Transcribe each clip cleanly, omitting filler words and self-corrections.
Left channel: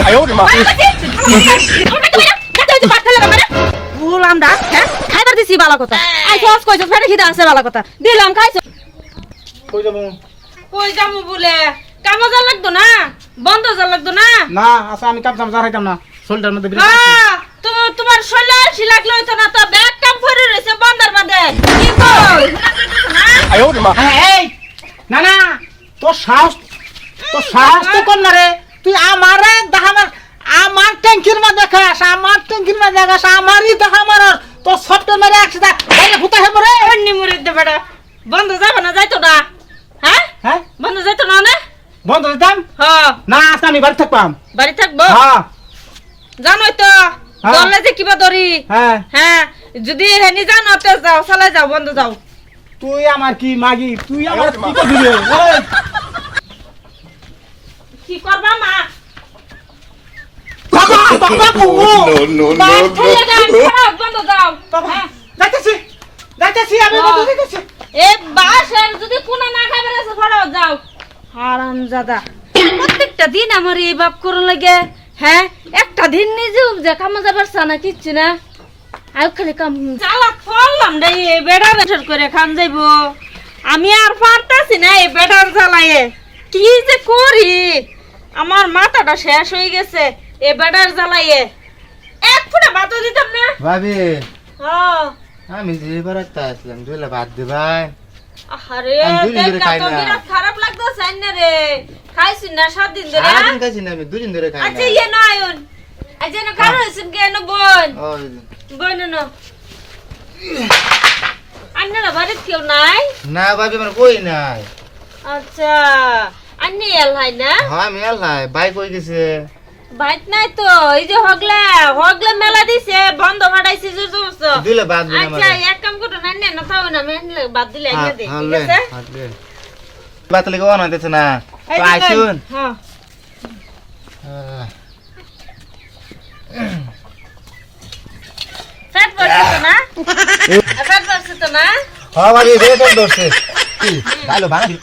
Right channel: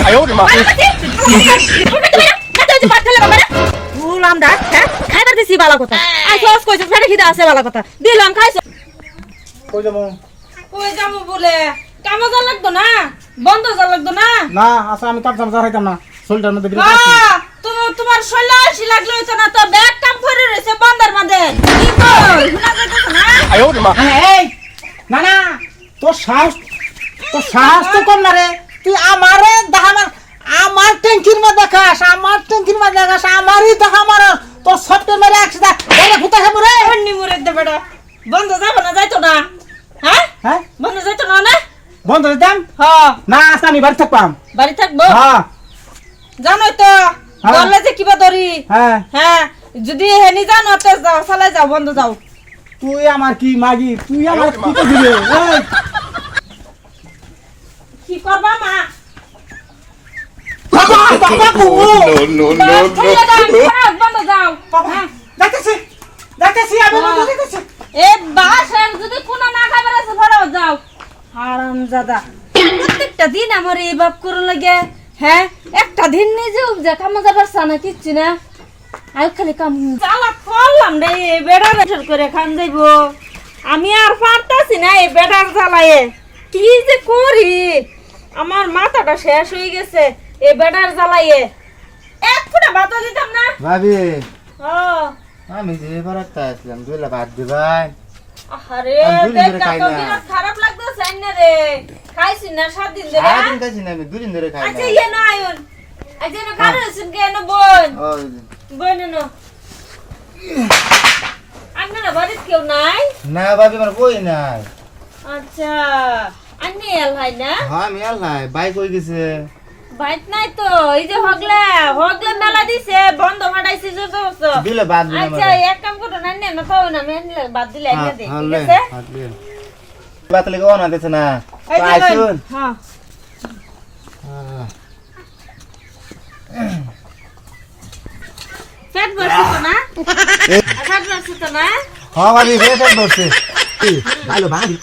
哎呦我的妈！ বললাম ডাক হ্যাঁ খাইবার দিছি ভালো কথা আই সস কইছ ফেটে খিদা আছে ভালো কথা দিলাম খাইছো কই যামু বলে কাম যা লাগতো না বন্ধ যা লাগতো না না আচ্ছা আমি কাপ জাম যাইতাম না শরীরটার মধ্যে বিরাট আছে তুমি তোমার শরীরে আসি লাগলো তো না তো ব্যাগ কাম করে রইছে বান্দার বাঁধে 哎呦我的妈！ এই না না তোর সাহস তো কম না রে তুই আমারে আমার ট্যাঙ্কির মধ্যে দেখাস আমারই দেখা মার তোর সফটওয়্যার মেরে একসাথে বাইরে ভূতে হে মরে এমনি মরে দে বেটা বন্ধ যাবে না যাইতো না হ্যাঁ হ্যাঁ বন্ধ যাইতো না না বন্ধ দিতাম হ্যাঁ না আজকে আমি বাড়ি থাকবাম বাড়ি থাকবো হ্যাঁ জানোই তো হ্যাঁ। দলে যে কিবা ধরি হ্যাঁ হ্যাঁ যদি হেনি জানো তো যাও চালাই যাও বন্ধ যাও তুই আমার কি মাগি তুই আমার কি করবি ওই কি করবা মা বন্ধ যাও হ্যাঁ। যাইতেছি আমি বন্ধ দিতেছি এ বাসের যদি কোন না খাবার আছে পড়াও যাও হারামজাদা প্রত্যেকটা দিন আমার এই বাপ করুন লাগে হ্যাঁ একটা দিন নিজে উপজা কামা যাবার সানা কিচ্ছু না আয় খালি কাম চালা করলাম রে এই বেড়া বেটার করে খান যাইব আমি আর পারতাছি না এই বেড়ার জ্বালায়ে কি যে করি আমার মাথাটা শেষ হয়ে গেছে এই বেড়ার জ্বালায়ে এক ফুটা ভাতও দিতাম না ভাবি হ্যাঁ আমি যে বারাতে আসলাম দুলা ভাত দিবাই আরে আমি দুদিন ধরে দেখ খাই তো না। বিরাট খারাপ লাগতেছে না রে খাইছিস না 7 দিন ধরে সারাদিন খাইছি না আমি দুদিন ধরে খাই আচ্ছা না ইয়ে নয়ন আচ্ছা না কারো হইছেন কেন বোন ও বোন না আন্নারা বাড়িতে কেউ নাই না ভাবি আমার কই নাই আচ্ছা আন্নি এল হয় না হ্যাঁ আমি এলাই বাইক কই গেছে বাইক নাই তো এই যে হগলা মেলা দিছে বন্ধ ফাটাইছে জোর জবরদস্ত দিলে বাদ দিলে আচ্ছা এক কাম করো না না তাও না মেনলে বাদ দিলে এনে দে ঠিক হলে আছে হলে বাত লাগো না দেছ না এই তো যে আইছুন হ্যাঁ ফ্যাট বসে তো না ফ্যাট বসে তো না হ্যাঁ ভাবি রে তো দরছে ভালো ভাঙি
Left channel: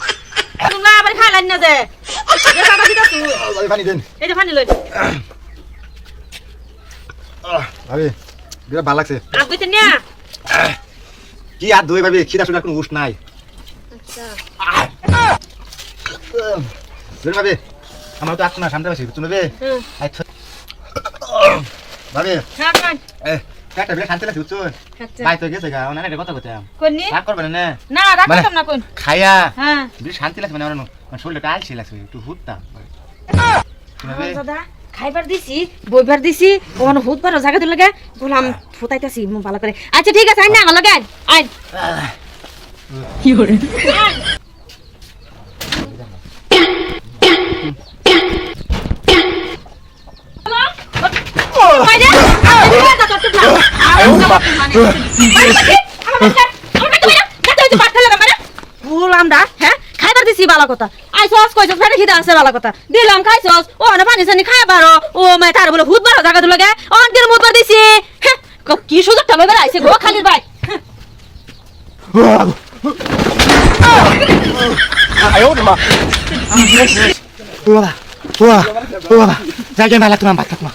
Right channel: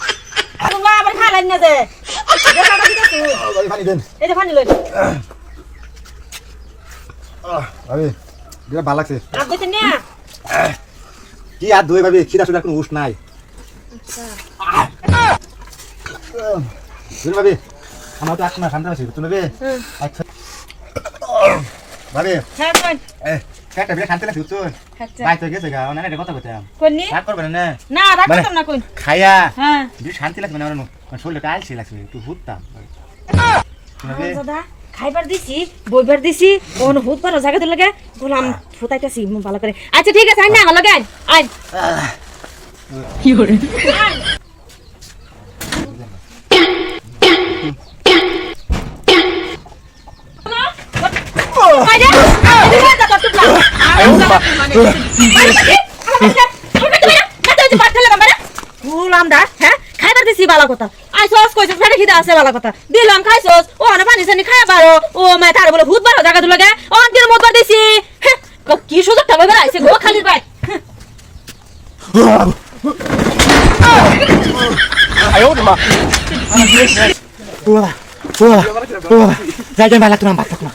তোমরা আবার খাইলেন না দে ভাবি পানি দেন এই যে পানি লই ভাবি বিরাট ভালো লাগছে রাত কইতে নিয়া কি আর দুই ভাবি খিদা শুনে কোনো উস নাই ভাবি আমার তো আত্মা সামনে পাচ্ছি তুমি বে হুম আচ্ছা ভাবি হ্যাঁ কোন একটা বিরাট শান্তি লাগছে বুঝছো আচ্ছা বাই তো গেছে গা না এটা কথা কইতাম কোননি রাগ করবে না না রাত মানে- করতাম না কোন খায়া হ্যাঁ বিরাট শান্তি লাগছে মানে আমার শরীরটা আলসি লাগছে একটু হুততাম শুনবে দাদা খাইবার দিছি বইবার দিছি কোন হুত পারো জায়গা তো লাগে বললাম ফুটাইতাছি মু ভালো করে আচ্ছা ঠিক আছে আই না লাগে আই কি হরে বললাম ডাক হ্যাঁ খাইবার দিছি ভালো কথা আই সস কইছ ফেটে খিদা আছে ভালো কথা দিলাম খাইছস ও না পানি সানি খাই পারো ও মে তার বলে হুত বারো জায়গা তো লাগে অন্তির মুত দিছি কি সুযোগ টাকা বের আইছে গো খালি ভাই 哎呦我的妈！ বাবা বাবা বাবা যাই যাই ভালো লাগতো না ভাত খাবো